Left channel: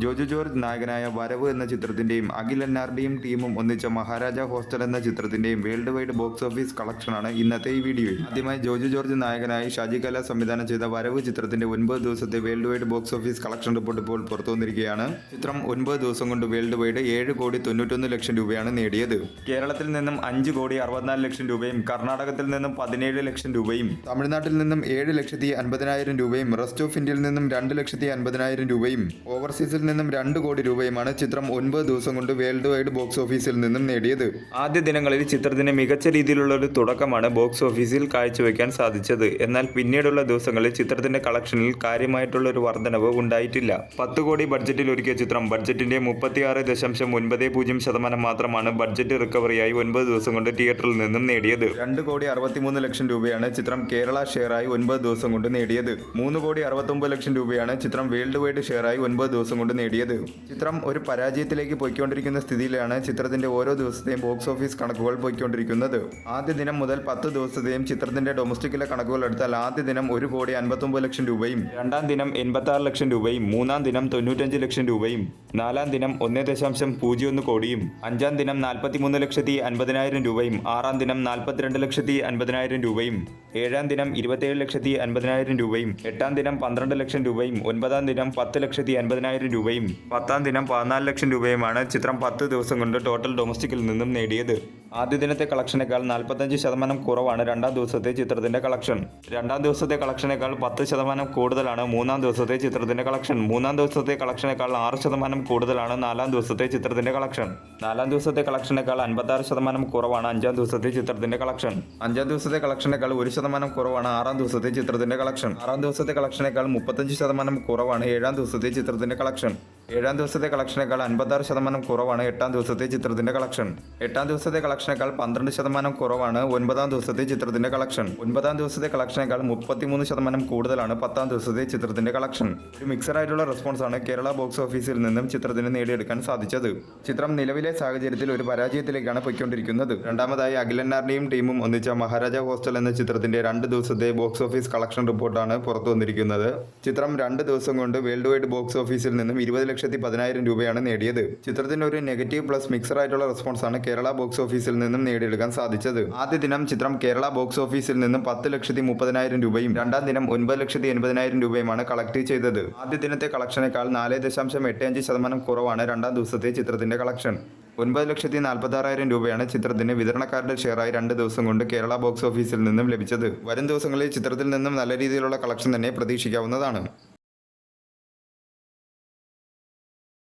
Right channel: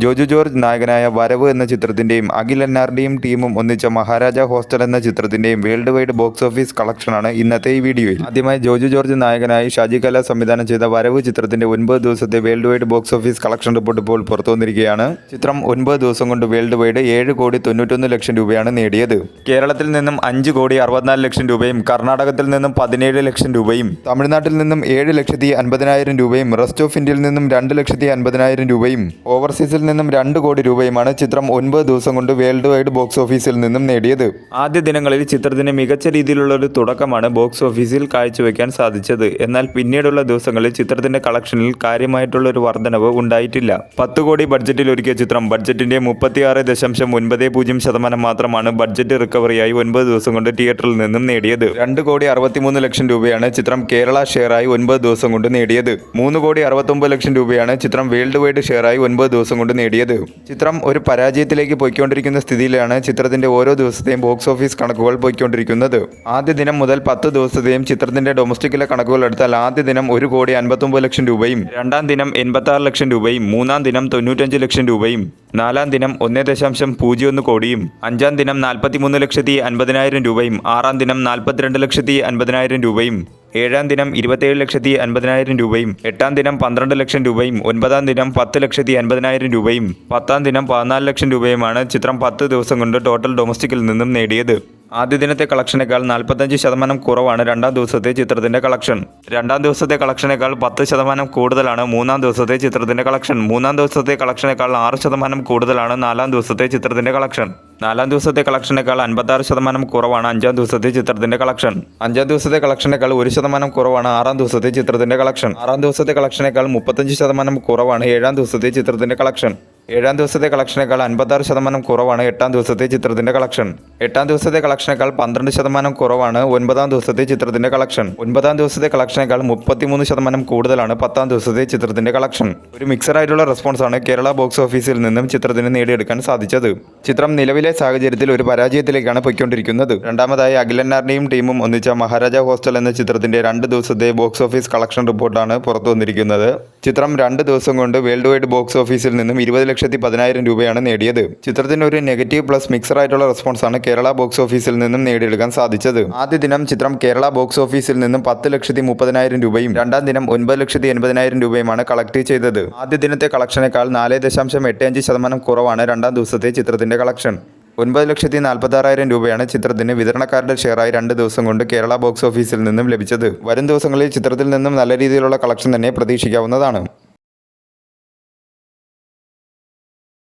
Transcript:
Joju George നായകനായ വരവ് എന്ന ചിത്രത്തിൻ്റെയും അഖിൽ എന്നാർഡിയും ടീമും ഒന്നിച്ച മഹാരാജ ഹോസ്റ്റൽ എന്ന ചിത്രത്തിൻ്റെയും വേൾഡ് വൈഡ് ബോക്സ് ഓഫീസ് കളക്ഷനാണ് ഇന്നത്തെ ഈ വീഡിയോയിൽ. ആദ്യമായി ജോജു ജോർജ് നായകനായി ഷാജി കല സംവിധാനം ചെയ്ത വരവ് ചിത്രത്തിൻ്റെ 9 ദിവസത്തെ world wide box office collection report ഇപ്പോൾ പുറത്തു വന്നിരിക്കുകയാണ്. ചിത്രം 9 ദിവസം കൊണ്ട് വേൾഡ് വൈഡ് 7,91,00,000 രൂപയാണ് നേടിയത്. കേരളത്തിൽ നിന്നും 5,64 ലക്ഷം രൂപയും കർണാടകത്തിൽ നിന്നും 17 ലക്ഷം രൂപയും തമിഴ്നാട്ടിൽ നിന്നും 7,50,000 രൂപയും റെസ്റ്റ് ഓഫ് ഇന്ത്യയിൽ നിന്നും 2,50,000 രൂപയും ഓവർസീസിൽ നിന്നും 2 കോടി രൂപയുമാണ് ചിത്രം 9 ദിവസം കൊണ്ട് വേൾഡ് വൈഡ് ബോക്സ് ഓഫീസിൽ നിന്നും നേടിയത്. ആദ്യ ദിനങ്ങളിൽ ചിത്രത്തിന് മികച്ച രീതിയിലുള്ള ഒരു തുടക്കമാണ് ബോക്സ് ഓഫീസിൽ കാഴ്ചവെക്കാൻ സാധിച്ചത്. എന്നാൽ പിന്നീടുള്ള ദിവസങ്ങളിൽ ചിത്രത്തിന്റെ കളക്ഷനിൽ കാര്യമായിട്ടുള്ള ഒരു വർധനവ് ഉണ്ടായിട്ടില്ല. 10 കോടി ബഡ്ജറ്റിൽ ഒരുക്കിയ ചിത്രം ബഡ്ജറ്റിന്റെ 36.90% മാത്രമാണ് ബഡ്ജറ്റ് റിക്കവറിയായി 9 ദിവസം കൊണ്ട് തിയേറ്ററിൽ നിന്നും നേടിയത്. 2,63,00,000 രൂപയാണ് ചിത്രം കേരള ഷെയറായി 9 ദിവസം കൊണ്ട് നേടിയത്. 3,69,00,000 രൂപയാണ് ചിത്രം വേൾഡ് വൈഡ് ഷെയറായി 9 ദിവസം കൊണ്ട് നേടിയത്. ചിത്രം ഒരു പരാജയത്തിലേക്ക് പോയിക്കൊണ്ടിരിക്കുന്ന സ്ഥിതിയിലാണ് ചിത്രത്തിന്റെ ഓരോ ദിവസത്തെയും ബോക്സ് ഓഫീസ് കണക്കുകൾ പോയിക്കൊണ്ടിരിക്കുന്നത്. ആദ്യ ദിനം മുതൽ 10 ദിവസത്തെയും ചിത്രത്തിന്റെ ഡൊമസ്റ്റിക്കിലെ കണക്കുകൾ എടുത്താൽ ആദ്യ ദിനം 1,59,00,000 രൂപയും, രണ്ടാം ദിനം 86 ലക്ഷം രൂപയും, മൂന്നാം ദിനം 95 ലക്ഷം രൂപയും, നാലാം ദിനം 1.01 കോടിയും, അഞ്ചാം ദിനം 43,50,000 രൂപയും, ആറാം ദിനം 42,50,000 രൂപയും, ഏഴാം ദിനം 27,50,000 രൂപയും, എട്ടാം ദിനം 12 ലക്ഷം രൂപയും, ഒൻപതാം ദിനം 10,50,000 രൂപയും, പത്താം ദിനം 14 ലക്ഷം രൂപയുമാണ് ചിത്രം 10 ദിവസം കൊണ്ട് ടോട്ടൽ ഡൊമസ്റ്റിക്കിൽ നിന്നും നേടിയത്. ആദ്യ ദിനത്തെ കളക്ഷനേക്കാൾ 45% കുറവാണ് രണ്ടാം ദിവസത്തെ ചിത്രത്തിന്റെ കളക്ഷൻ. രണ്ടാം ദിവസത്തെ കളക്ഷനേക്കാൾ 10% കൂടുതലാണ് മൂന്നാം ദിവസത്തെ ചിത്രത്തിന്റെ കളക്ഷൻ. മൂന്നാം ദിവസത്തെ കളക്ഷനേക്കാൾ 6% കൂടുതലാണ് നാലാം ദിവസത്തെ ചിത്രത്തിന്റെ കളക്ഷൻ. നാലാം ദിവസത്തെ കളക്ഷനേക്കാൾ 56% കുറവാണ് അഞ്ചാം ദിവസത്തെ ചിത്രത്തിന്റെ കളക്ഷൻ. അഞ്ചാം ദിവസത്തെ കളക്ഷനേക്കാൾ 1% കുറവാണ് ആറാം ദിവസത്തെ ചിത്രത്തിന്റെ കളക്ഷൻ. ആറാം ദിവസത്തെ കളക്ഷനേക്കാൾ 35% കുറവാണ് ഏഴാം ദിവസത്തെ ചിത്രത്തിന്റെ കളക്ഷൻ. ഏഴാം ദിവസത്തെ കളക്ഷനേക്കാൾ 56% കുറവാണ് എട്ടാം ദിവസത്തെ ചിത്രത്തിന്റെ കളക്ഷൻ. എട്ടാം ദിവസത്തെ കളക്ഷനേക്കാൾ 12% കുറവാണ് ഒൻപതാം ദിവസത്തെ ചിത്രത്തിന്റെ കളക്ഷൻ. ഒൻപതാം ദിവസത്തെ കളക്ഷനേക്കാൾ 33% കൂടുതലാണ് പത്താം ദിവസത്തെ ചിത്രത്തിന്റെ കളക്ഷൻ. ഒരു മിക്സറായിട്ടുള്ള റെസ്പോൺസാണ് കേരള ബോക്സ് ഓഫീസിൽ നിന്നും ചിത്രത്തിന് നേടിയെടുക്കാൻ സാധിച്ചത്. ചിത്രം നിലവിലെ സാഹചര്യത്തിൽ ഒരു പരാജയത്തിലേക്കാണ് പോയിക്കൊണ്ടിരിക്കുന്നത്. രണ്ടാമതായി അഖിൽ എന്നാർഡിയും ടീമും ഒന്നിച്ച മഹാരാജ ഹോസ്റ്റൽ എന്ന ചിത്രത്തിന്റെ 2 ദിവസത്തെ ബോക്സ് ഓഫീസ് കളക്ഷൻ റിപ്പോർട്ടാണ് പുറത്തു വന്നിരിക്കുന്നത്. ചിത്രം 2 ദിവസം കൊണ്ട് വേൾഡ് വൈഡ് ബോക്സ് ഓഫീസിൽ നിന്നും 20,10,000 രൂപയാണ് നേടിയത്. ചിത്രത്തിന് ഒരു നെഗറ്റീവ് പ്ലസ് മിക്സറായിട്ടുള്ള റെസ്പോൺസാണ് കേരള ബോക്സ് ഓഫീസിൽ നിന്നും നേടിയെടുക്കാൻ സാധിച്ചത്. ആദ്യ ദിനം ചിത്രം കേരള ബോക്സ് ഓഫീസിൽ നിന്നും 10,30,000 രൂപയും രണ്ടാം ദിനം 9,80,000 രൂപയുമാണ് കളക്ട് ചെയ്തത്. ആദ്യ ദിനത്തെ കളക്ഷനേക്കാൾ 4.85% കുറവാണ് രണ്ടാം ദിവസത്തെ ചിത്രത്തിന്റെ കളക്ഷൻ. 9,46,000 രൂപയാണ് ചിത്രത്തിന് വിതരണക്കാരുടെ ഷെയറായി 2 ദിവസം കൊണ്ട് കേരള ബോക്സ് ഓഫീസിൽ നിന്നും ലഭിച്ചത്. വരും ദിവസങ്ങളിൽ ചിത്രത്തിൽ നിന്നും നല്ല രീതിയിലുള്ള കളക്ഷൻ തന്നെ പ്രതീക്ഷിക്കാവുന്നതാണ്.